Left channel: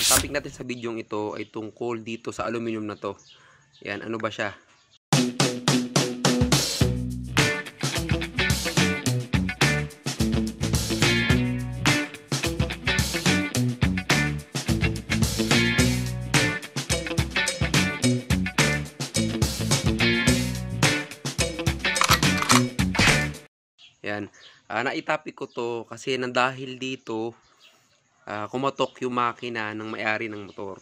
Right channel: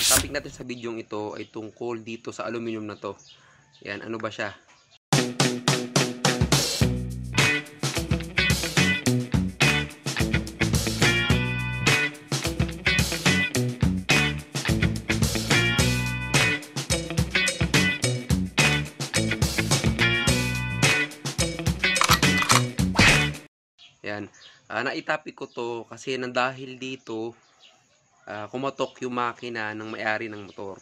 Ang topic natin sa video ito ay tungkol dito sa aluminum na to. Yan, ano ba siya? Yan, naitapik ko to kasi dahil dito kumatok yung makina ng may-ari ng motor.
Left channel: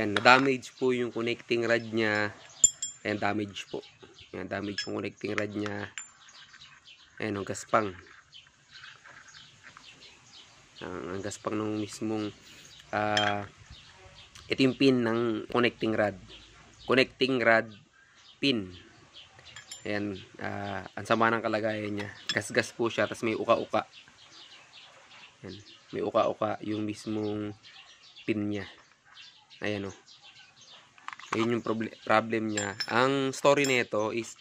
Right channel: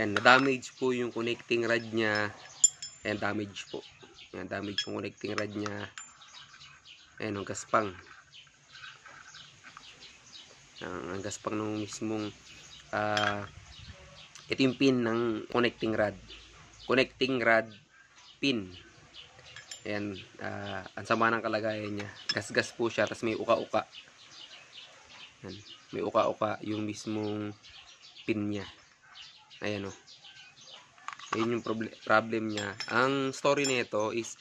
Yan, na-damage po yung connecting rod niya. Yan, damage po. Yan, damage yung connecting rod niya. Ayan, ang gaspang. Ang gaspang ng mismong ito yung pin ng connecting rod. Connecting rod pin. Ayan, ang sama ng kalagayan niya. Gas-gas po siya, tapos may uka-uka. Ayan, may uka-uka yung mismong pin niya. Ayan o. Ayun yung problem niya. Ang story nito is,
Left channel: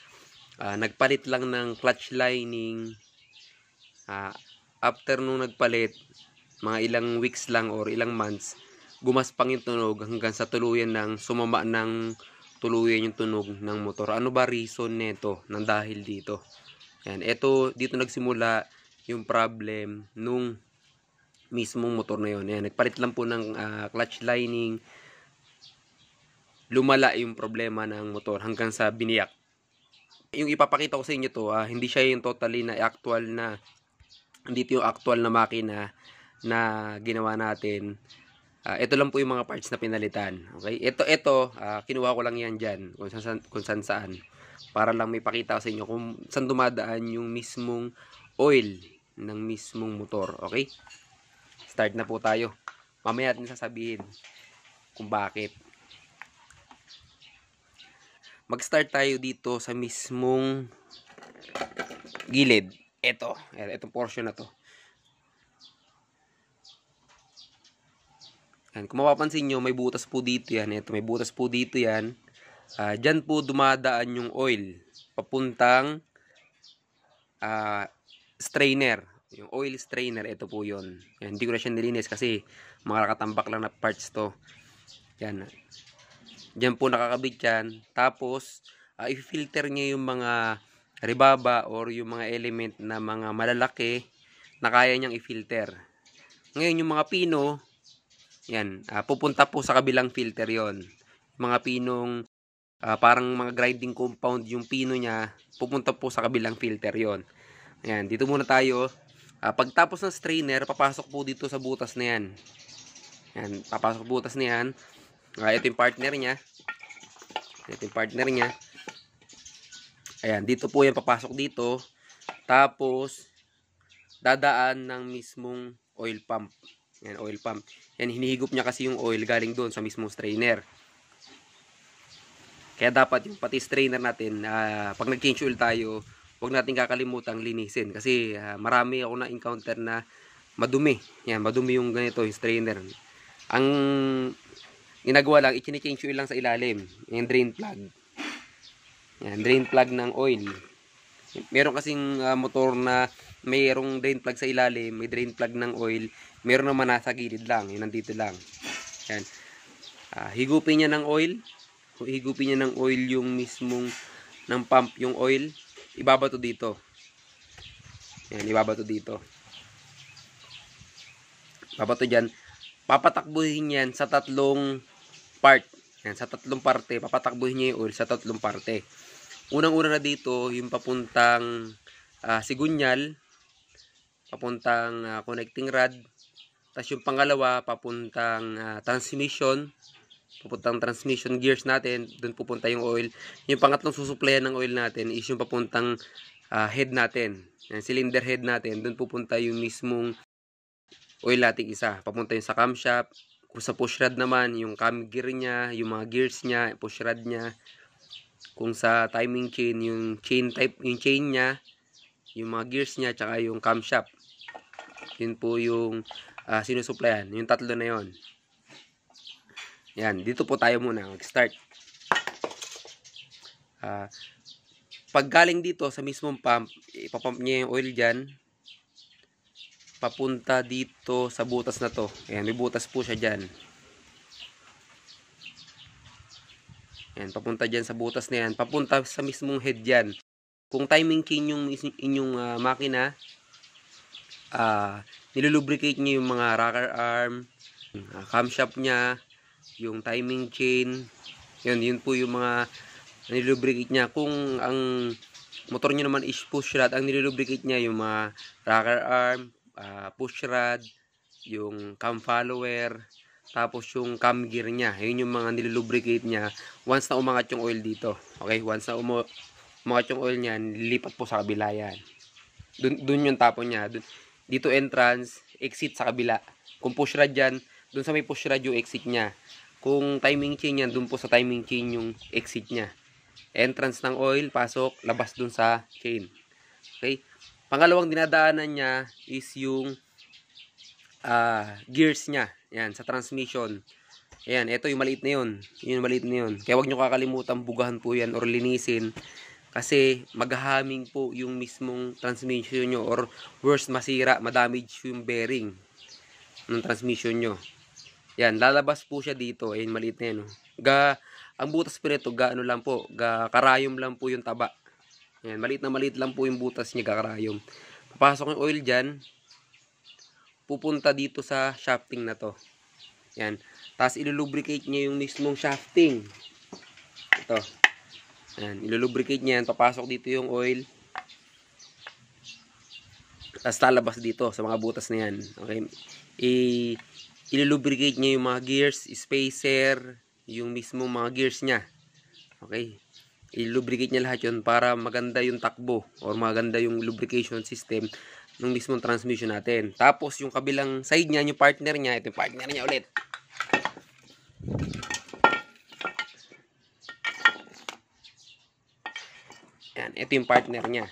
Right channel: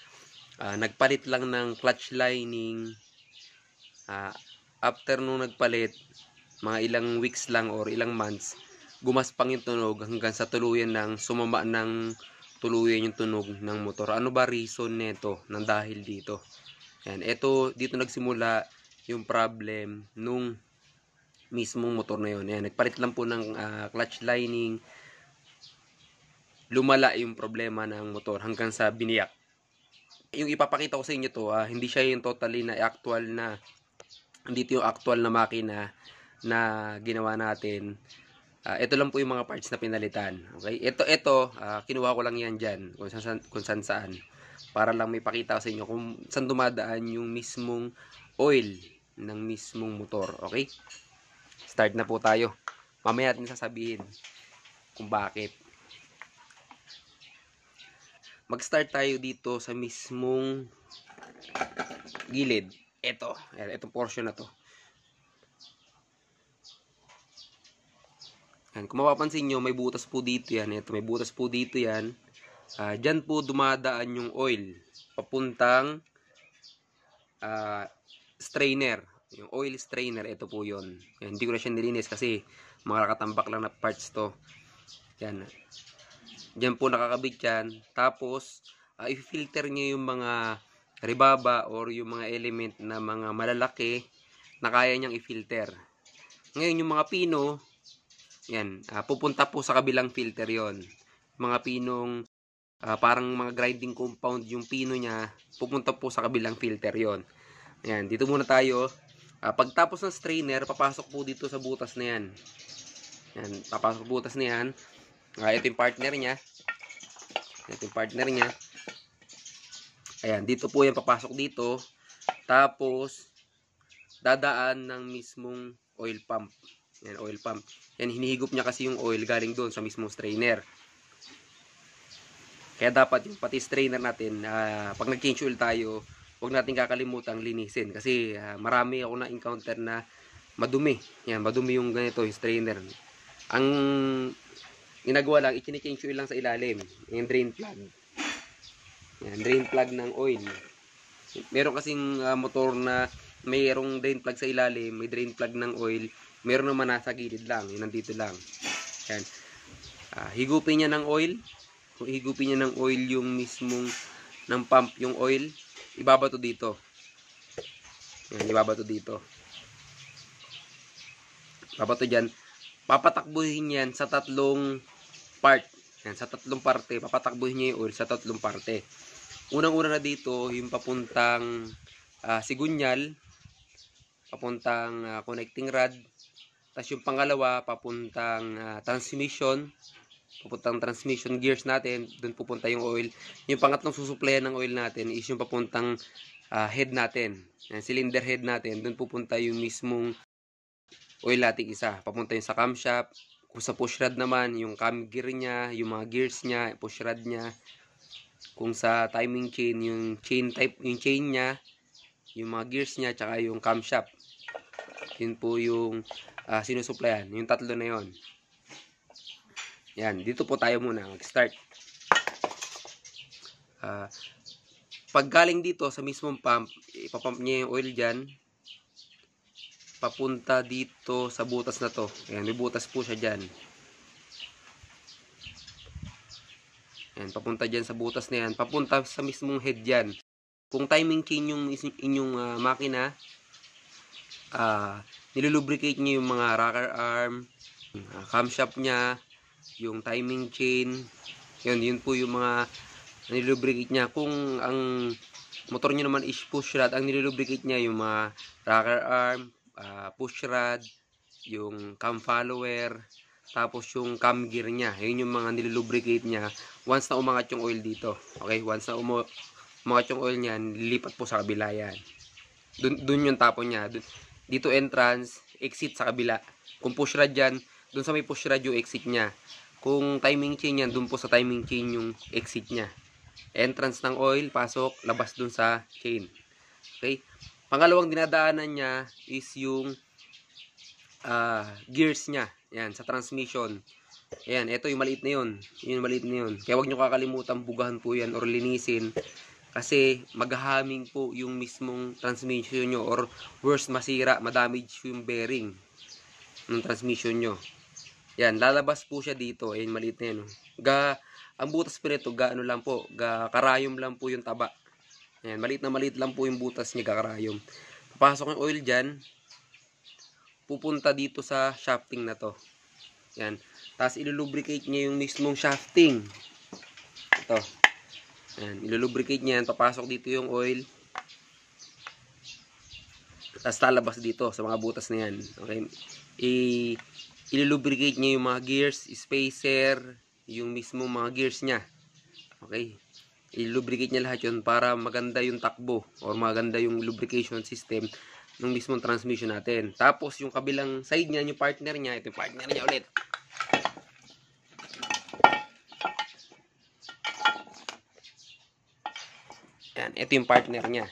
nagpalit lang ng clutch lining. After nung nagpalit, mga ilang weeks lang or ilang months, gumaspang yung tunog hanggang sa tuluyan ng sumama ng tuluyan yung tunog ng motor. Ano ba reason nito nang dahil dito? Yan, dito nagsimula yung problem nung mismong motor na yun. Yan, nagpalit lang po ng clutch lining. Lumala yung problema ng motor hanggang sa biniyak. Yung ipapakita ko sa inyo to, hindi siya yung totally na actual na, hindi yung actual na makina na ginawa natin. Ito lang po yung mga parts na pinalitan. Okay? Ito, kinuha ko lang yan dyan kung saan para lang may pakita ko sa inyo kung saan dumadaan yung mismong oil ng mismong motor. Okay? Start na po tayo. Mamaya natin sasabihin kung bakit. Mag-start tayo dito sa mismong gilid. Itong portion na to. Yan, kung mapapansin nyo, may butas po dito yan. Ito, may butas po dito yan. Dyan po dumadaan yung oil. Papuntang strainer. Yung oil strainer, ito po yun. Yan, hindi ko na siya nilinis kasi mga nakatambak lang na parts to. Yan. Dyan po nakakabit yan. Tapos, i-filter niya yung mga ribaba or yung mga element na mga malalaki na kaya niyang i-filter. Ngayon, yung mga pino, yan, pupunta po sa kabilang filter yon. Mga pinong parang mga grinding compound yung pino niya, pupunta po sa kabilang filter yon. Yan, dito muna tayo. Pagtapos ng strainer, papasok po dito sa butas na yan. Yan, papasok butas na yan. Ito yung partner niya. Ito yung partner niya. Ayan, dito po yan, papasok dito. Tapos, dadaan ng mismong oil pump. Yan, oil pump. Yan, hinihigop niya kasi yung oil galing doon sa mismong strainer. Kaya dapat yung pati strainer natin, pag nag-change oil tayo, huwag natin kakalimutang linisin. Kasi marami ako na-encounter na madumi. Yan, madumi yung ganito, yung strainer. Ang ginagawa lang, i-change oil lang sa ilalim. Yung drain plug. Yan, drain plug ng oil. Meron kasing motor na mayroong drain plug sa ilalim, may drain plug ng oil, meron naman nasa gilid lang, yun nandito lang. Yan. Higupin niya ng oil. Higupin niya ng oil yung mismong ng pump, yung oil. Ibabato dito. Yan, ibabato dito. Ibabato dyan. Papatakbuhin yan sa tatlong part. Yan, sa tatlong parte. Papatakbuhin niya yung oil sa tatlong parte. Unang-una na dito, yung papuntang sigunyal, papuntang connecting rod. Tapos yung pangalawa, papuntang transmission. Papuntang transmission gears natin. Doon pupunta yung oil. Yung pangatlong susuplayan ng oil natin is yung papuntang head natin. Yan, cylinder head natin. Doon pupunta yung mismong oil natin isa. Papunta yung sa camshaft. Kung sa push rod naman, yung cam gear niya, yung mga gears niya, push rod niya. Kung sa timing chain, yung chain type, yung chain niya, yung mga gears niya, tsaka yung camshaft. Yun po yung sinusuplayan. Yung tatlo na yon. Yan, dito po tayo muna mag-start. Pag galing dito sa mismong pump, ipapump niya yung oil dyan. Papunta dito sa butas na to. Ayan, may butas po siya dyan. Yan, papunta dyan sa butas na yan. Papunta sa mismong head yan. Kung timing chain yung inyong makina, nilulubricate nyo yung mga rocker arm, camshaft nya, yung timing chain. Yun po yung mga nilulubricate nya. Kung ang motor nyo naman is push rod, ang nilulubricate nya yung mga rocker arm, push rod, yung cam follower, tapos yung cam gear nya. Yun yung mga nilulubricate nya once na umangat yung oil dito. Okay, once na umangat yung oil nya, lilipat po sa kabila yan. Dun yung tapon nya. Dito entrance, exit sa kabila. Kung push rod yan, dun sa may push rod yung exit nya. Kung timing chain yan, dun po sa timing chain yung exit nya. Entrance ng oil, pasok, labas dun sa chain. Okay? Pangalawang dinadaanan nya is yung gears nya. Yan, sa transmission. Ayan, ito yung maliit na yun. Yung maliit na yun. Kaya wag nyo kakalimutan bugahan po yan or linisin. Kasi maghahaming po yung mismong transmission nyo or worst masira, madamage yung bearing ng transmission nyo. Yan, lalabas po siya dito. Ayan, maliit na yun. Ang butas po nito, ano lang po, karayom lang po yung taba. Ayan, maliit lang po yung butas niya, karayom. Papasok yung oil dyan, pupunta dito sa shafting na to. Yan. Tapos ilulubricate niya yung mismong shafting. Ito. Yan, ilulubricate niya yan, papasok dito yung oil. Tapos lalabas dito sa mga butas na yan. Okay. Ilulubricate niya yung mga gears, spacer, yung mismong mga gears niya. Okay. Ilulubricate niya lahat yun para maganda yung takbo or maganda yung lubrication system ng mismong transmission natin. Tapos yung kabilang side niya, yung partner niya, ito yung partner niya ulit. Yan, ito yung partner niya.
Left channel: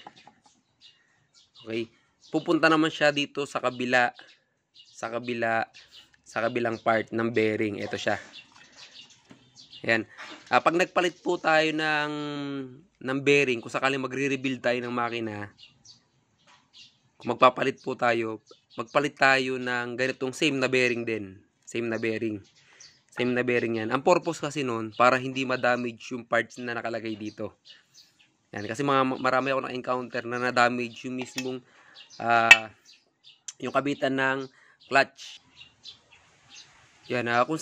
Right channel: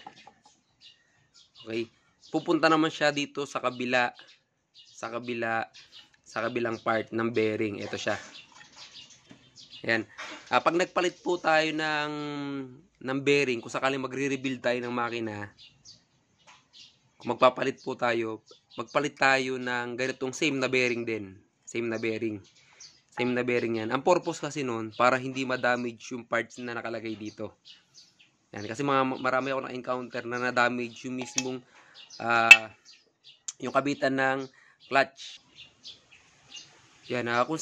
Okay. Pupunta naman siya dito sa kabilang part ng bearing. Ito siya. Yan. Pag nagpalit po tayo ng bearing, kung sakaling magre-rebuild tayo ng makina, kung magpapalit po tayo, magpalit tayo ng ganitong same na bearing din. Same na bearing yan. Ang purpose kasi nun, para hindi ma-damage yung parts na nakalagay dito. Yan. Kasi marami ako na-encounter na na-damage yung mismong yung kabitan ng clutch. Yan. Kung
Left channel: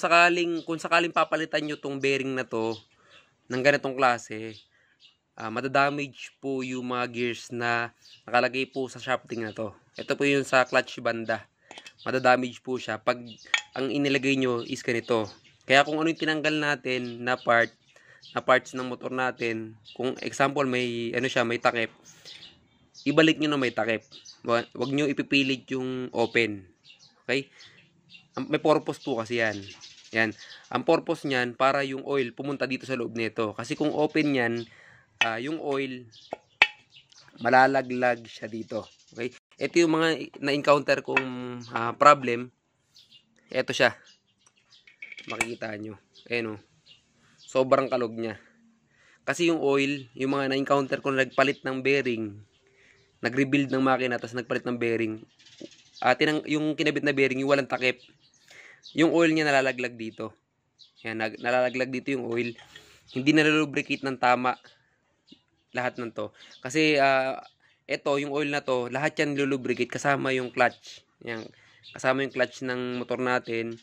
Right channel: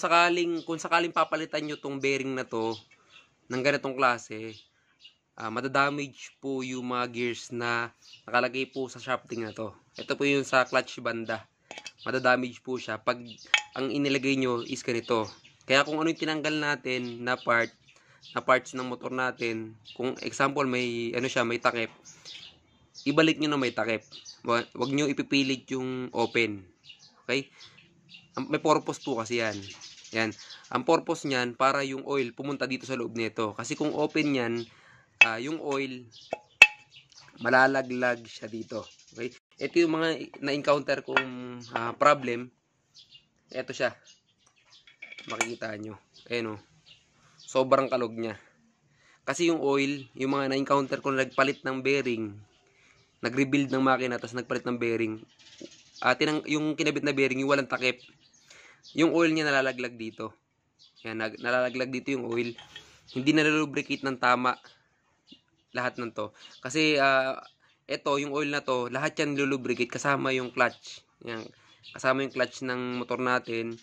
sakaling papalitan nyo tong bearing na to ng ganitong klase, madadamage po yung mga gears na nakalagay po sa shafting na to. Ito po yung sa clutch banda. Madadamage po siya pag ang inilagay nyo is ganito. Kaya kung ano yung tinanggal natin na parts ng motor natin, kung example may takip, ibalik nyo na may takip. Wag nyo ipipilit yung open. Okay? May purpose po kasi yan. Yan. Ang purpose niyan para yung oil pumunta dito sa loob nito. Kasi kung open yan, yung oil malalaglag siya dito. Okay? Ito yung mga na-encounter kong problem. Ito siya. Makikita nyo. Ayan o. Sobrang kalog niya. Kasi yung oil, yung mga na-encounter kong nagpalit ng bearing, nag-rebuild ng makina, tapos nagpalit ng bearing, yung kinabit na bearing, yung walang takip, yung oil niya nalalaglag dito. Yan, nalalaglag dito yung oil. Hindi nalulubricate ng tama lahat ng to. Kasi ito, yung oil na to, lahat yan nilulubricate kasama yung clutch. Yan, kasama yung clutch ng motor natin.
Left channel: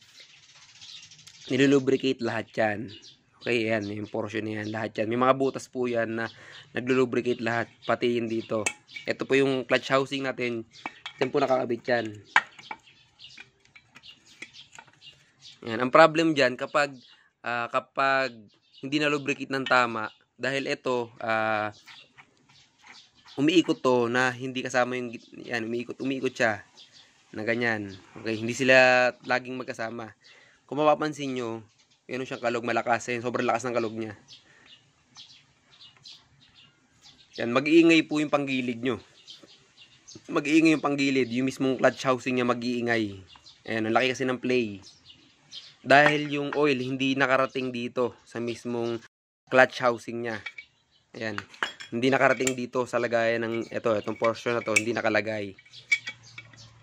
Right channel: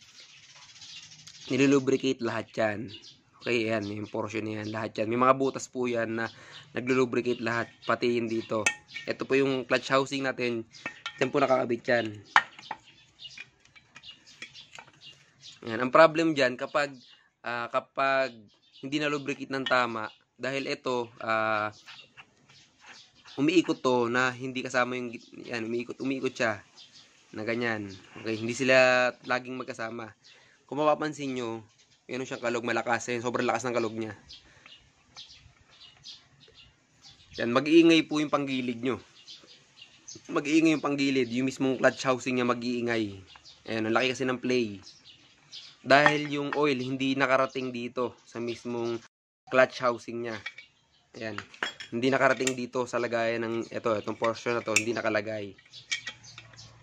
Nilulubricate lahat yan. Okay, yan, yung portion na yan, lahat yan. May mga butas po yan na naglulubricate lahat, pati yun dito. Ito po yung clutch housing natin. Yan po nakakabit yan. Yan, ang problem dyan, kapag hindi na lubricate ng tama, dahil ito, umiikot to na hindi kasama yung, yan, umiikot siya, na ganyan. Okay, hindi sila laging magkasama. Kung mapapansin nyo, yun siyang kalog, malakas. Sobrang lakas ng kalog niya. Yan, mag-iingay po yung panggilid nyo. Mag-iingay yung panggilid. Yung mismong clutch housing niya mag-iingay. Ayan, ang laki kasi ng play. Dahil yung oil hindi nakarating dito sa mismong clutch housing niya. Ayan. Hindi nakarating dito sa lagayan ng itong portion na to, hindi nakalagay.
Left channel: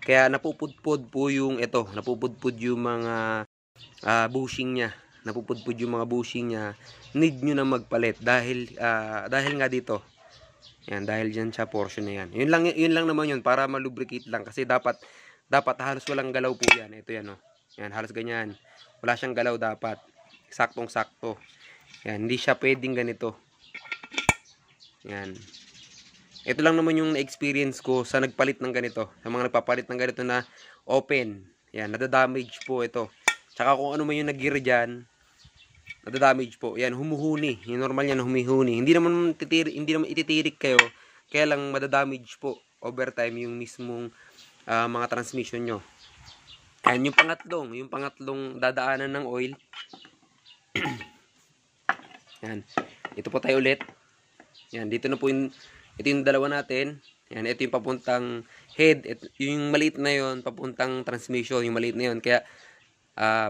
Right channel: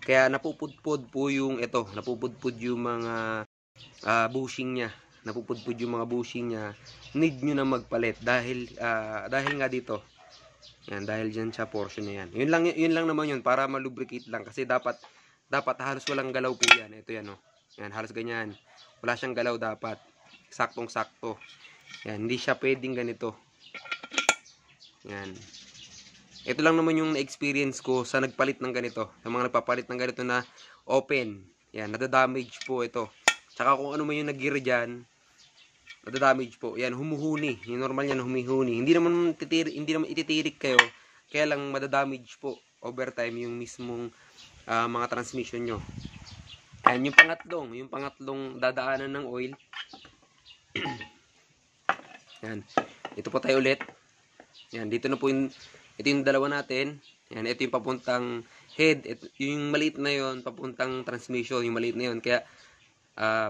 Kaya napupudpud po yung napupudpud yung mga bushing niya. napupudpud yung mga bushing niya, need nyo na magpalit dahil nga dito. Yan, dahil dyan sa portion na yan. Yun lang naman yun, para malubricate lang. Kasi dapat halos walang galaw po yan. Ito yan, oh. Yan, halos ganyan. Wala siyang galaw dapat. Saktong-sakto. Yan, hindi siya pwedeng ganito. Yan. Ito lang naman yung experience ko sa nagpalit ng ganito. Sa mga nagpapalit ng ganito na open. Yan, nadadamage po ito. Tsaka kung ano man yung nag-gear dyan, nadadamage po. Yan, humuhuni. Yung normal yan, humihuni. Hindi naman ititirik kayo. Kaya lang madadamage po over time yung mismong mga transmission nyo. Yan, yung pangatlong dadaanan ng oil. Yan. Ito po tayo ulit. Yan, dito na po ito yung dalawa natin. Yan, ito yung papuntang head. Yung maliit na yon papuntang transmission. Yung maliit na yon. Kaya,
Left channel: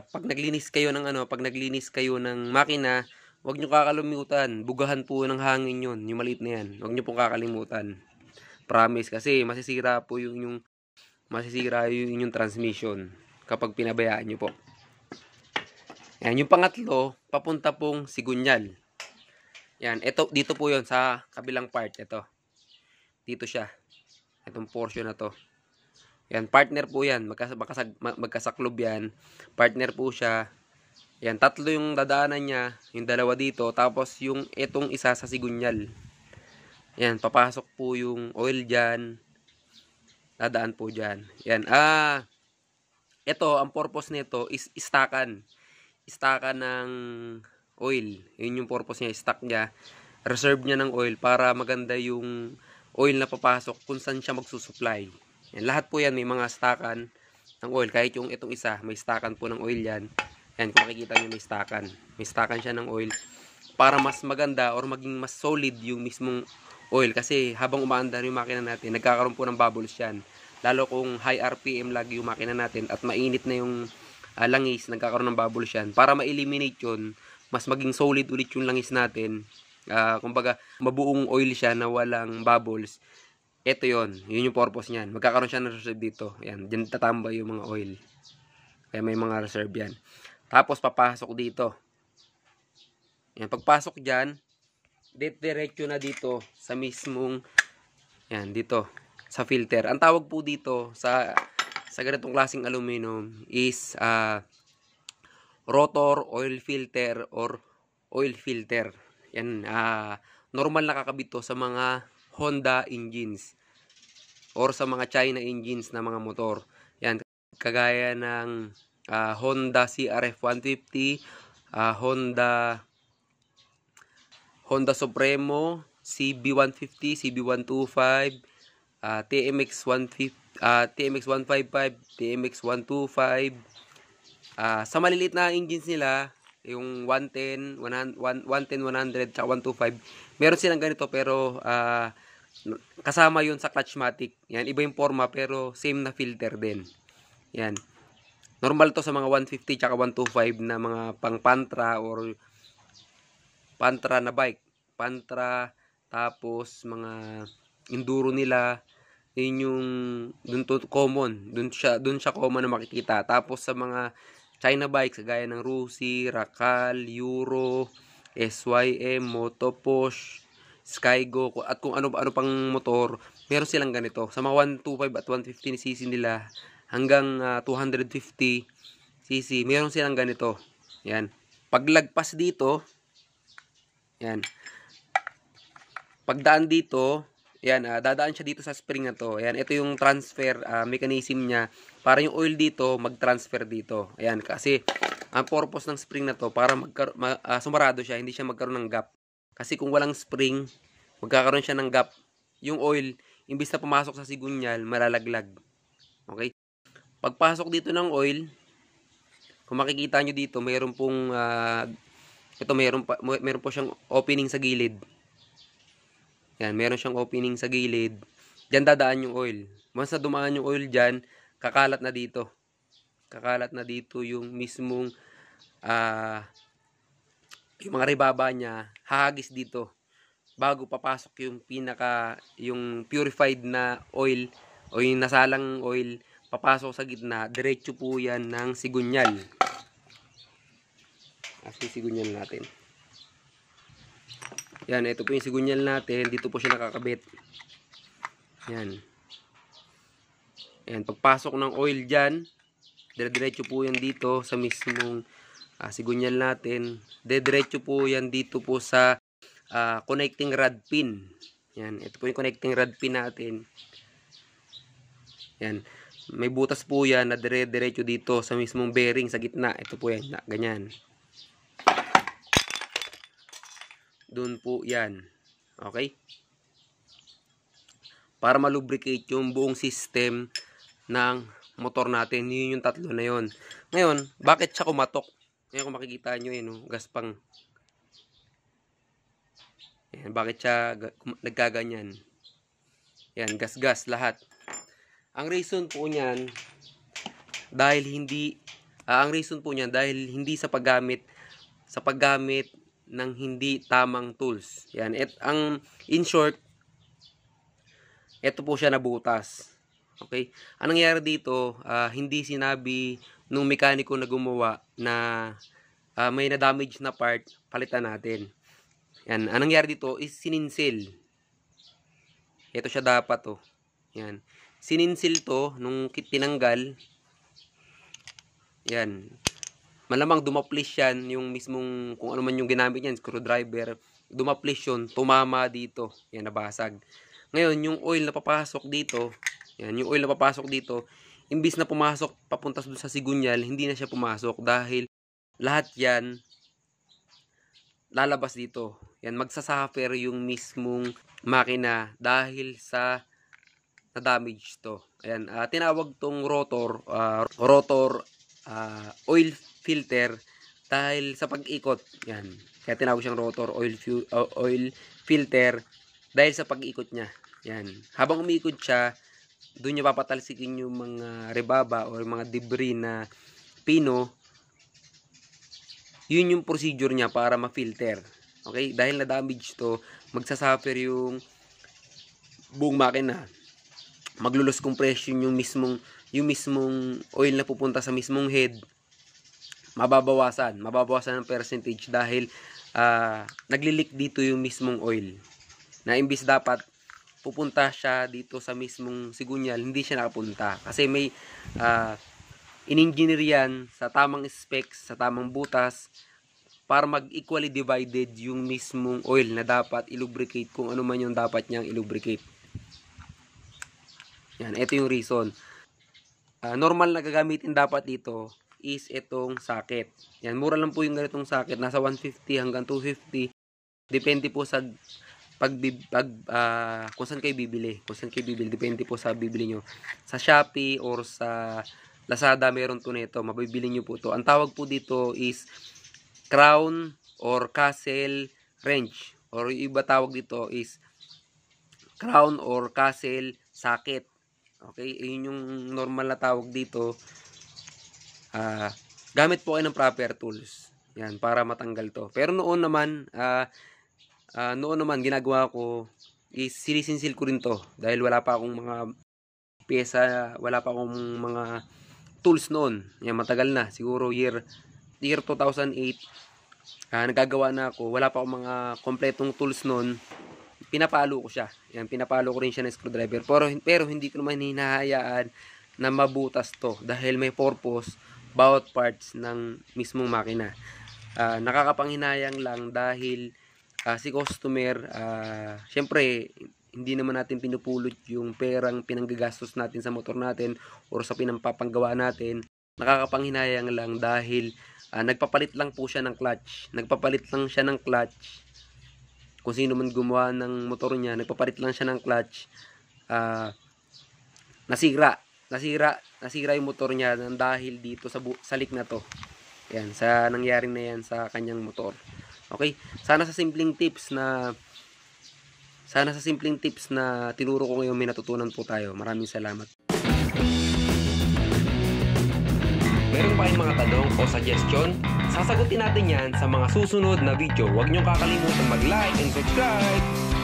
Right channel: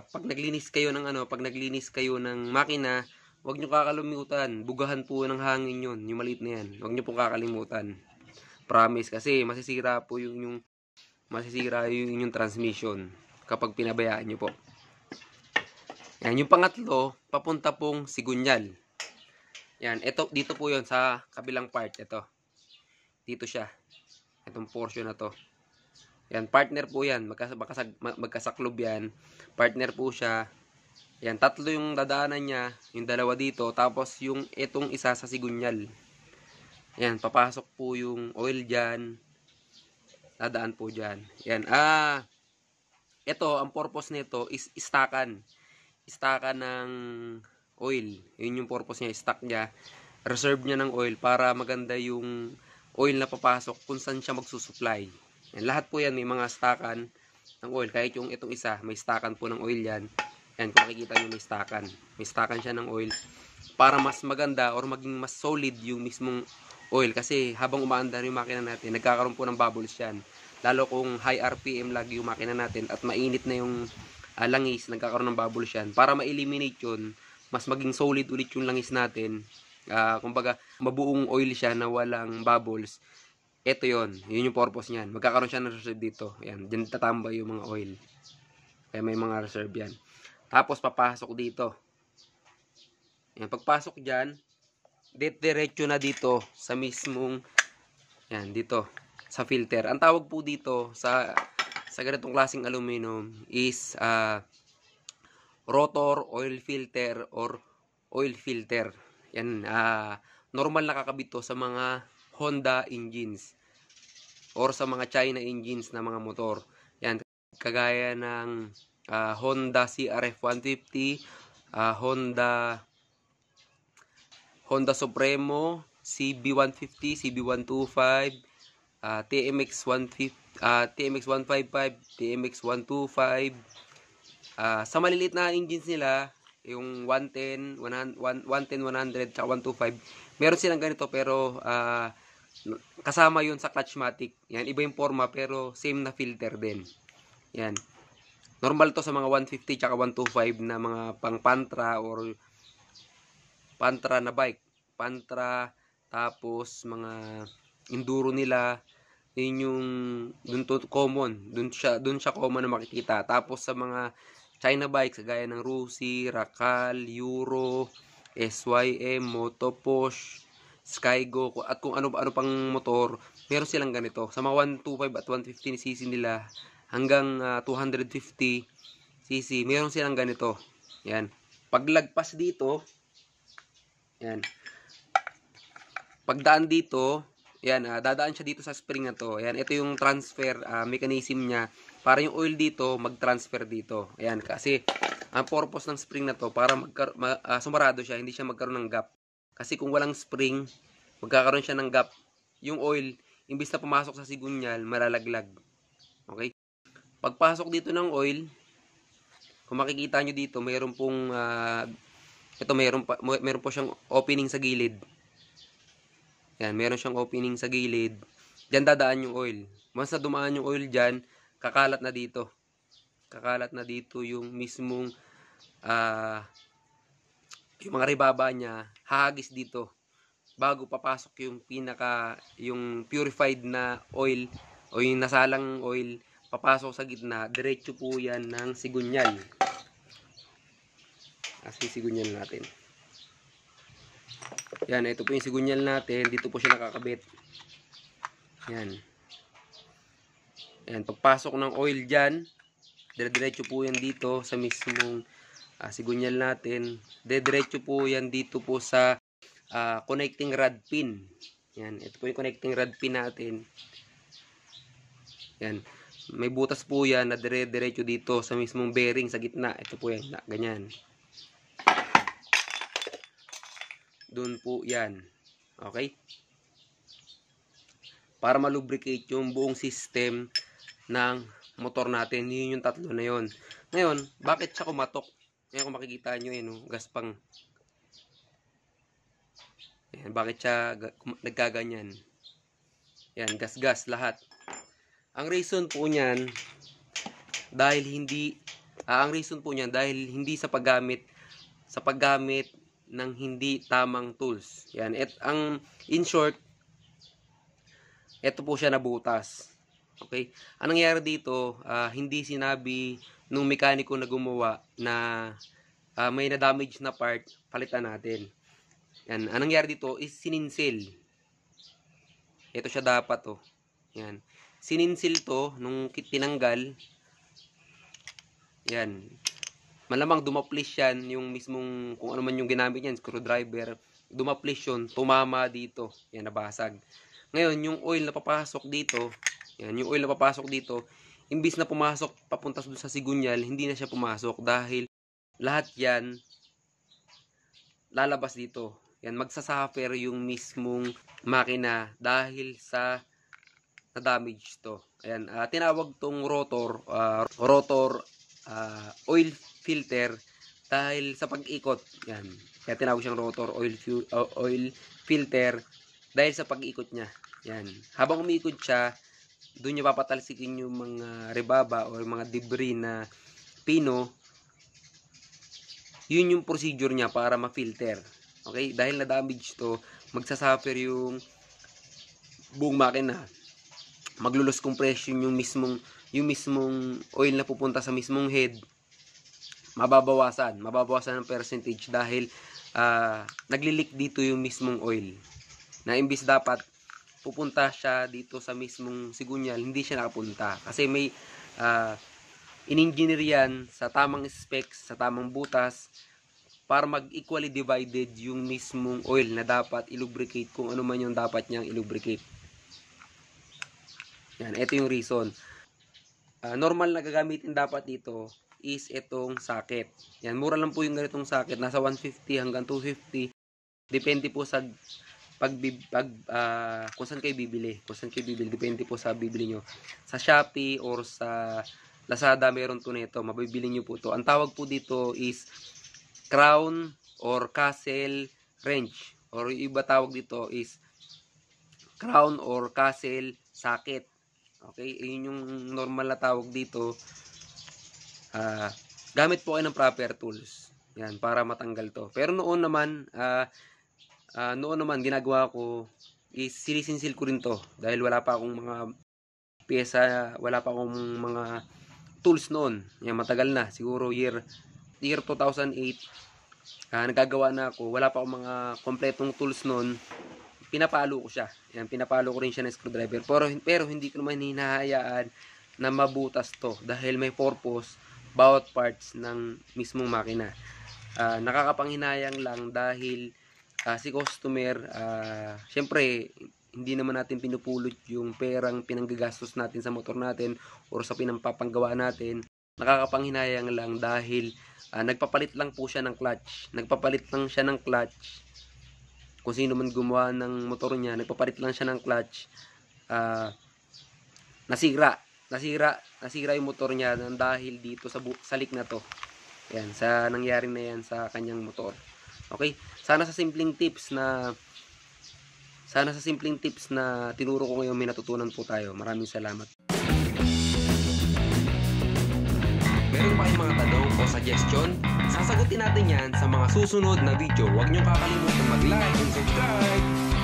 pag naglinis kayo ng makina, huwag nyo kakalimutan. Bugahan po ng hangin yun. Yung maliit na yan. Huwag nyo po kakalimutan. Promise. Kasi masisira po yung transmission kapag pinabayaan nyo po. Yan. Yung pangatlo, papunta pong Sigunyal. Yan. Dito po yon sa kabilang part. Ito. Dito siya. Itong portion na to. Yan, partner po yan. Magkasaklob yan. Partner po siya. Yan, tatlo yung dadaanan niya. Yung dalawa dito. Tapos yung itong isa sa Sigunyal. Yan, papasok po yung oil dyan. Dadaan po dyan. Yan, ito, ang purpose nito is istakan. Istakan ng oil. Yun yung purpose niya. Stock niya. Reserve niya ng oil para maganda yung oil na papasok kung saan siya magsusupply. Yan, lahat po yan may mga stakan ng oil. Kahit yung itong isa, may stakan po ng oil yan. Yan, kung makikita nyo may stakan. May stakan siya ng oil para mas maganda or maging mas solid yung mismong oil. Kasi habang umaandar yung makina natin, nagkakaroon po ng bubbles yan. Lalo kung high RPM lagi yung makina natin at mainit na yung langis, nagkakaroon ng bubbles yan. Para ma-eliminate yun, mas maging solid ulit yung langis natin. Kumbaga, mabuong oil siya na walang bubbles. Ito yun yung purpose niyan. Magkakaroon siya ng reserve dito. Ayan, dyan tatambay yung mga oil. Kaya may mga reserve yan. Tapos, papasok dito. Ayan, pagpasok dyan, diretso na dito sa mismong, ayan, dito, sa filter. Ang tawag po dito sa ganitong klaseng aluminum is rotor, oil filter, or oil filter. Yan, normal nakakabit to sa mga Honda engines or sa mga China engines na mga motor. Yan, kagaya ng Honda CRF 150, Honda Supremo, CB150, CB125, TMX 155, TMX 125. Sa maliliit na engines nila, yung 110, 100, tsaka 125, meron silang ganito pero kasama yun sa Clutchmatic. Yan, iba yung forma pero same na filter din. Yan. Normal to sa mga 150 tsaka 125 na mga pang Pantra or Pantra na bike. Pantra, tapos mga enduro nila, yun yung dun to common. Dun siya common na makikita. Tapos sa mga China bikes, gaya ng Rusi, Rakal, Euro, SYM, Motoposh, Skygo, at kung ano pang motor, meron silang ganito. Sa mga 125 at 115cc nila, hanggang 250cc, meron silang ganito. Yan. Paglagpas dito, yan. Pagdaan dito, yan, dadaan siya dito sa spring na to. Yan, ito yung transfer mechanism niya para yung oil dito mag-transfer dito. Ayan, kasi ang purpose ng spring na to para sumarado siya, hindi siya magkaroon ng gap. Kasi kung walang spring, magkakaroon siya ng gap. Yung oil, imbis na pumasok sa sigunyal, malalaglag. Okay? Pagpasok dito ng oil, kung makikita nyo dito, mayroon pong meron po siyang opening sa gilid. Yan, meron siyang opening sa gilid. Diyan dadaan yung oil. Once na dumaan yung oil diyan, kakalat na dito. Kakalat na dito yung mismong yung mga ribaba niya, hahagis dito bago papasok yung purified na oil o yung nasalang oil, papasok sa gitna, diretso po yan ng sigunyal. Sisigunyal natin. Yan, ito po yung sigunyal natin. Dito po siya nakakabit. Yan. Yan, pagpasok ng oil dyan, dire-diretso po yan dito sa mismong sigunyal natin. Dire-diretso po yan dito po sa connecting rod pin. Yan, ito po yung connecting rod pin natin. Yan. May butas po yan na dire-diretso dito sa mismong bearing sa gitna. Ito po yan, ganyan. Doon po yan. Okay? Para malubricate yung buong system ng motor natin. Yun yung tatlo na yun. Ngayon, bakit siya kumatok? Ngayon kung makikita nyo yun, gaspang. Yan, bakit siya nagkaganyan? Yan, gas-gas lahat. Ang reason po niyan, dahil hindi sa paggamit ng hindi tamang tools. Yan, in short, ito po siya nabutas. Okay? Anong nangyari dito, hindi sinabi nung mekaniko na gumawa na may na-damage na part, palitan natin. Yan, anong nangyari dito is sininsil. Ito siya dapat oh. Yan. Sininsil to nung tinanggal. Yan. Malamang dumaplis yan yung mismong, kung ano man yung ginamit niyan, screwdriver, dumaplis yun, tumama dito. Yan, nabasag. Ngayon, yung oil na papasok dito, yan, yung oil na papasok dito, imbis na pumasok papunta doon sa sigunyal, hindi na siya pumasok dahil lahat yan lalabas dito. Yan, magsasuffer yung mismong makina dahil sa na-damage to. Ayan, tinawag tong rotor oil filter dahil sa pag-ikot. Yan. Kaya tinawag siyang rotor oil filter dahil sa pag-ikot niya. Yan. Habang umiikot siya, doon niya papatalsikin yung mga rebaba o mga debris na pino. Yun yung procedure niya para ma-filter. Okay? Dahil na-damage to, magsasuffer yung buong makina. Maglulus compression yung mismong oil na pupunta sa mismong head. Mababawasan ng percentage dahil naglilik dito yung mismong oil. Na imbis dapat pupunta siya dito sa mismong sigunyal, hindi siya nakapunta. Kasi may in-engineer yan sa tamang specs, sa tamang butas, para mag-equally divided yung mismong oil na dapat ilubricate kung ano man yung dapat niyang ilubricate. Yan, ito yung reason. Normal na gagamitin dapat dito is itong socket. Yan, mura lang po yung ganitong socket. Nasa 150 hanggang 250. Depende po sa kung saan kayo bibili. Depende po sa bibili nyo. Sa Shopee or sa Lazada, meron to nito. Mabibili nyo po to. Ang tawag po dito is crown or castle wrench. Or yung iba tawag dito is crown or castle socket. Okay? Yun yung normal na tawag dito. Gamit po kayo ng proper tools. Yan, para matanggal to. Pero noon naman ginagawa ko is sinisinsil ko rin to. Dahil wala pa akong mga pyesa, wala pa akong mga tools noon. Yan, matagal na. Siguro year 2008. Nagagawa na ako. Wala pa akong mga kompletong tools noon. Pinapalo ko siya. Yan, pinapalo ko rin siya ng screwdriver. Pero hindi ko naman hinahayaan na mabutas to. Dahil may purpose bawat parts ng mismong makina. Nakakapanghinayang lang dahil si customer, syempre, hindi naman natin pinupulot yung perang pinanggagastos natin sa motor natin or sa pinampapanggawa natin. Nakakapanghinayang lang dahil nagpapalit lang po siya ng clutch. Kung sino man gumawa ng motor niya, nagpapalit lang siya ng clutch. Nasira yung motor niya dahil dito sa leak na to. Yan, sa nangyari na yan sa kanyang motor. Okay? Sana sa simpleng tips na tinuro ko ngayon, may natutunan po tayo. Maraming salamat. Meron pa kayong mga tanong o suggestion? Sasagutin natin yan sa mga susunod na video. Huwag niyong kakalimutan mag-like and subscribe.